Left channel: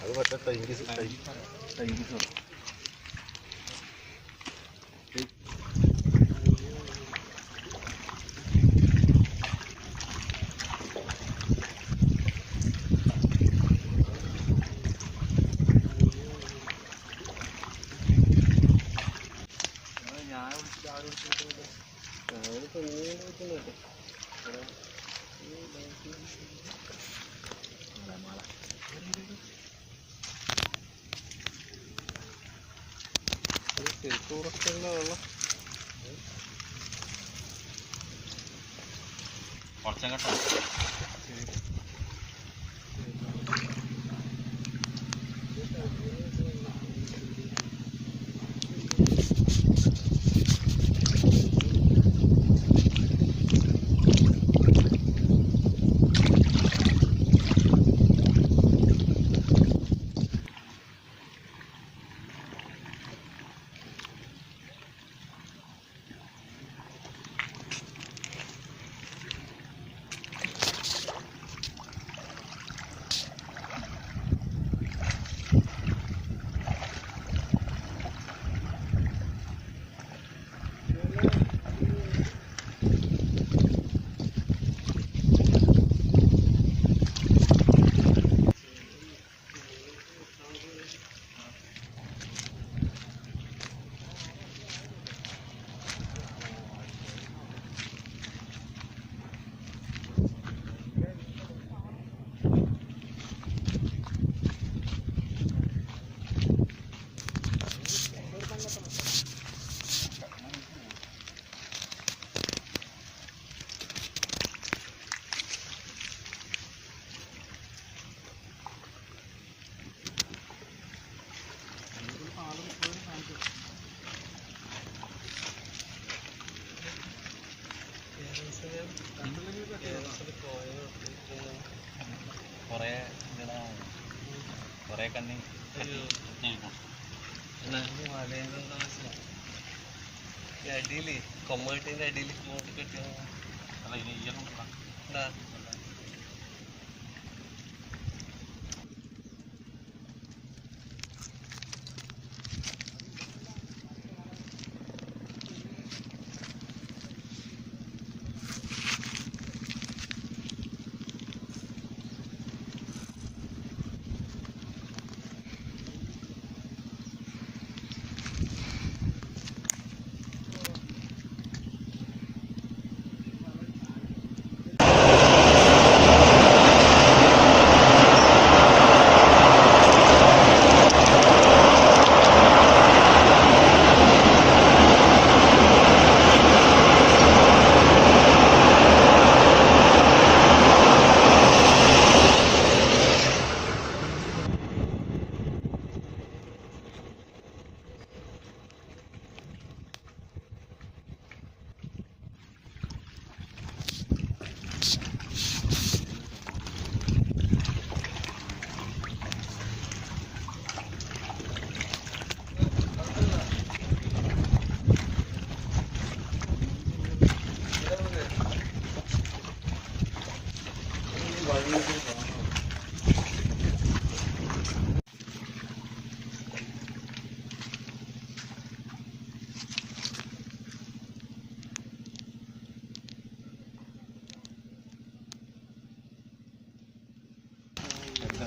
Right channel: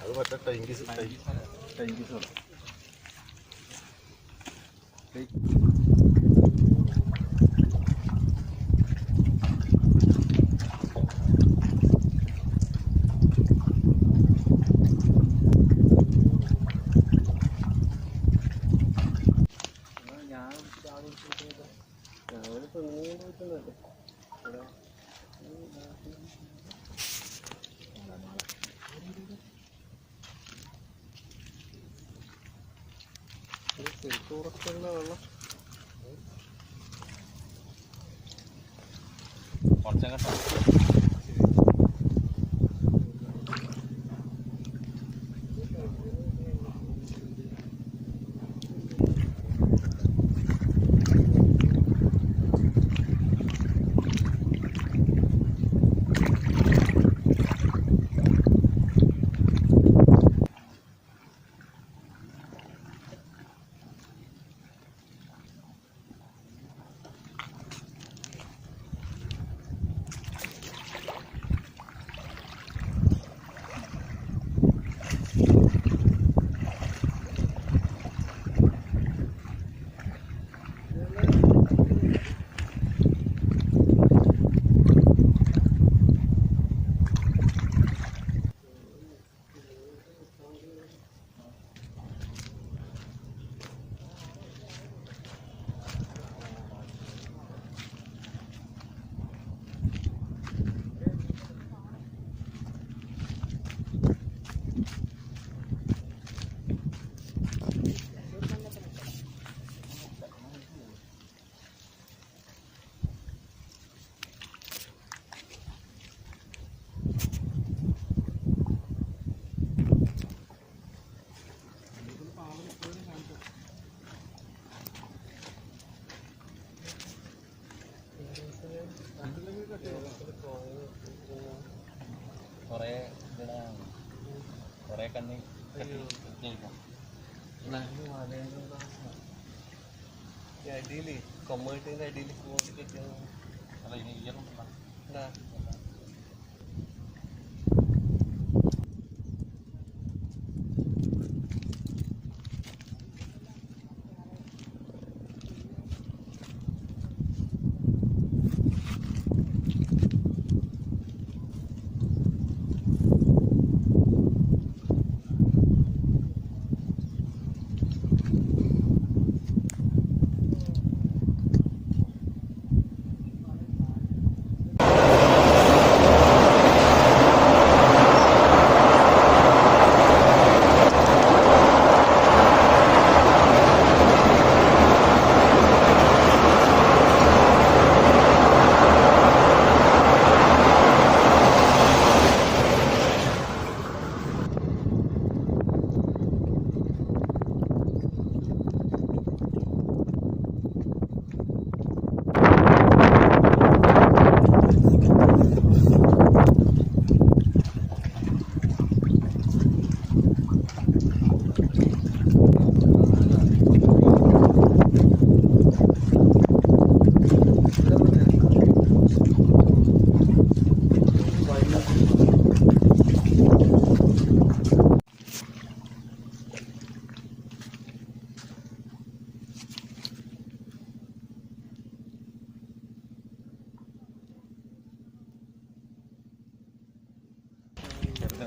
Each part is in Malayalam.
അത് മറ്റേ ടൈങ്കീസ് കുറേ കണ്ണി അടിയിൽ കൊമ്മട്ടിന്റെ അടിയിൽ കെട്ടിയ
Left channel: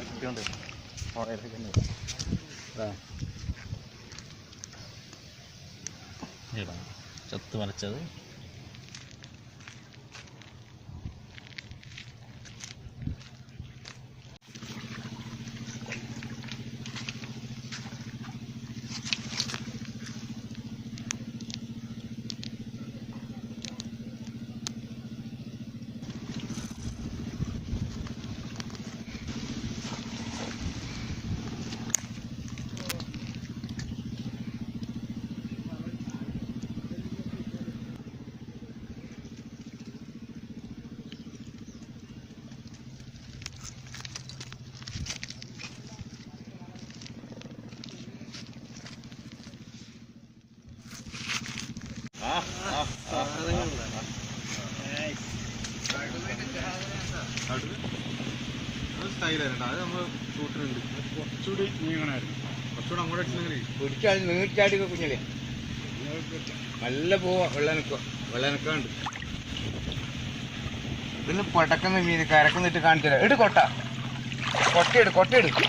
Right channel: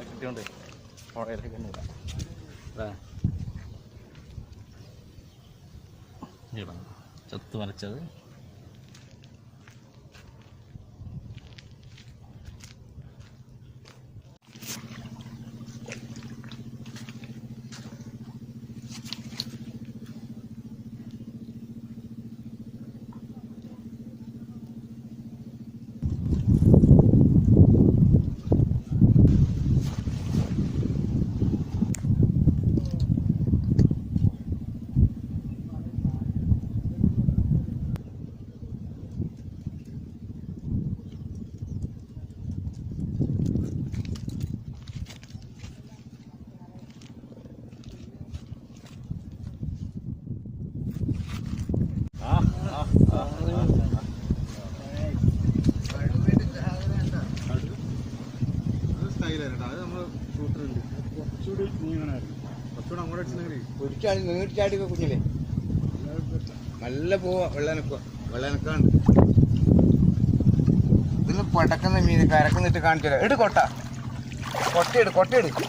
കുട്ടിയുണ്ട് പുഴയിലൊക്കെ ഉണ്ട്. ചത്ത് മരച്ചത് സ്റ്റൈലായിരുന്നു അത് നമ്മൾ ഷൂട്ടിനുണ്ട് കുറച്ചുകൂടി നീങ്ങണമായിരുന്നു കുറച്ചുകൂടെ അങ്ങോട്ട് അടിച്ചെങ്കിൽ പിടിച്ചാൽ നീട്ടിച്ചാടി കുഞ്ഞില്ലേ നല്ല പോവാ വെള്ളനക്കാണ് ഇതിന് പടക്കുന്ന മീൻ കരക്കുന്നിട്ട് കാണിച്ചു തരാം. കൊട്ട കൊട്ടയെടുക്ക്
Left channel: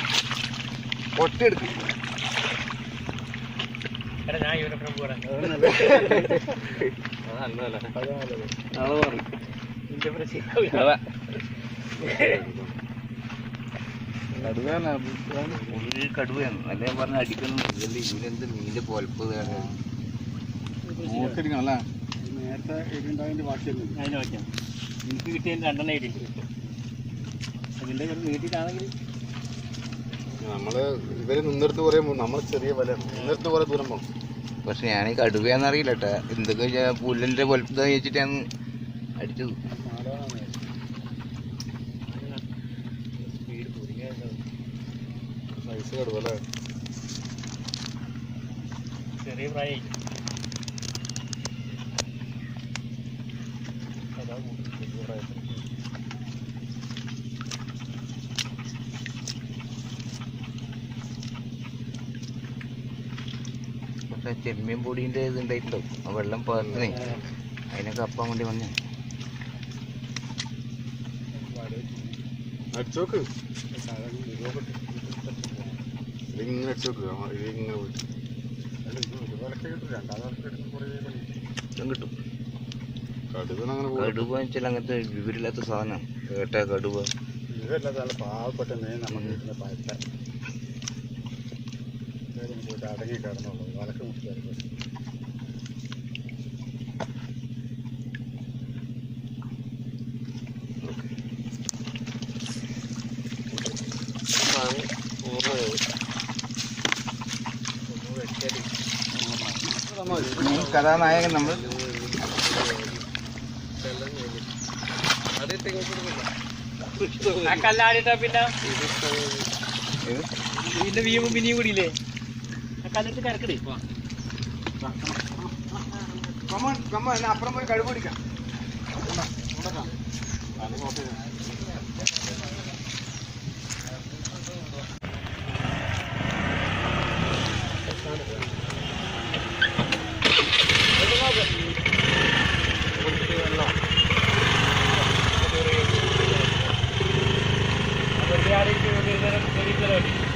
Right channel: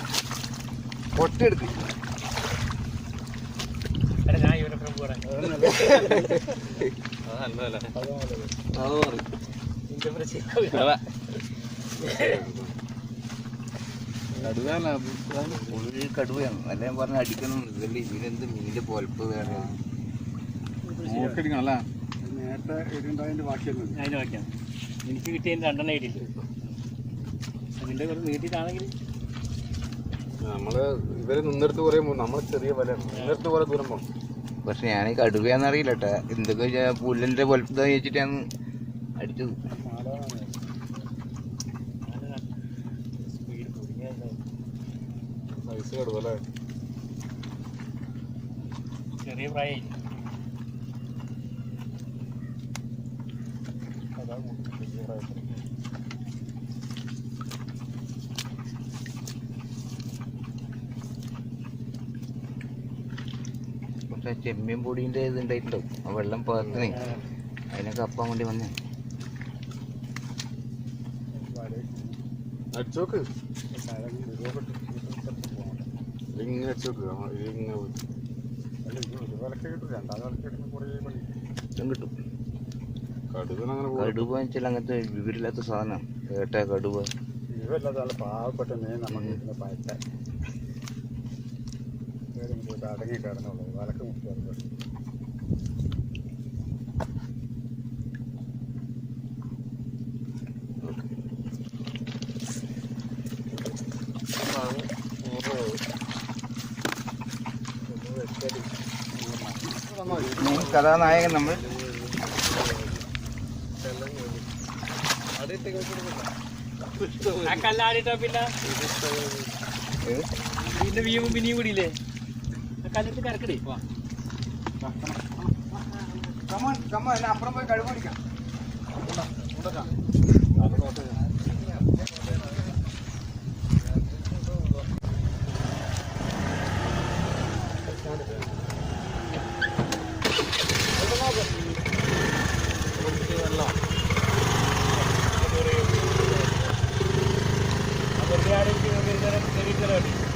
കടുവയാണ് അല്ലേ പറഞ്ഞ അടിക്കണം. ഇതല്ലേ ഇതിനെന്ത് മീനിന്റെ പൊലപ്പ് നോക്കിയിരിക്കണല്ലേ നേരത്തെ ഇടുണ്ടായതിന്റെ ബാക്കിയൊന്നും അതിന് പറ്റാം. എനിക്ക് കിട്ടിയതിന് 2 എണ്ണം കിട്ടിയിട്ടുണ്ട്. അതിൻ്റെ നീട്ടിട്ടാണെങ്കിൽ നമ്മള് ഇവര് നിന്നിടത്ത് കുറേ നമ്മള് ചെറിയ വലയാണ് നിന്നിടത്ത് കുറെ ദൂരം പോകണം. പക്ഷെ ഞാൻ ഈ കടുവയാന്നറിയില്ല കേട്ടാ. എന്തൊക്കെ പുല്ലിന്റെ പൊലപ്പ് വെച്ചിട്ടാണ് അടിച്ചത്. സ്പീഡ് പൊടിക്കാനുണ്ടാവും. നൈസ് കടുവല്ലേ ചെറിയ പ്രായം അതാ വലിയ പ്രായത്തിൽ പക്ഷെ ചെമ്മീൻ പൊടീൻ്റെ ഇത് ഉണ്ടായിട്ടുണ്ടാവും. ആ വെള്ളം പാർത്തിനെ അതിനൊക്കെ അപ്പാൻ വേണ്ടി വന്നേ. അടിച്ചോക്ക് ഇതിങ്ങനെ അടിച്ചോക്ക് ഇതിങ്ങനെ പോയിട്ട് കിട്ടും. കടുവ അങ്ങനെ കടുവ വെച്ചാൽ അങ്ങനത്തെ വിവരമില്ലാത്ത സാധനമാണ് കേട്ടാ. കടുവ ഇതല്ലാതെ നല്ല പാവപ്പെട്ട മീൻ നമുക്ക് കിട്ടുന്ന പയറ്റ പോയിട്ട് അടങ്ങി കിടന്നുള്ളൂ വലക്ക് മുട്ടിയാൽ കഥാനായകൻ നമ്മൾ കല്ലാടിട്ടാ പിന്നെ ഇതിന്റെ വീമ്പും പിന്നെയും കൂടിയില്ലേ ആ കല്ലെടുത്ത് കരക്കടേ അപ്പുറം പോയി കഴിവ് പിടിക്കാം. വെറുതെ ആരെങ്കിലും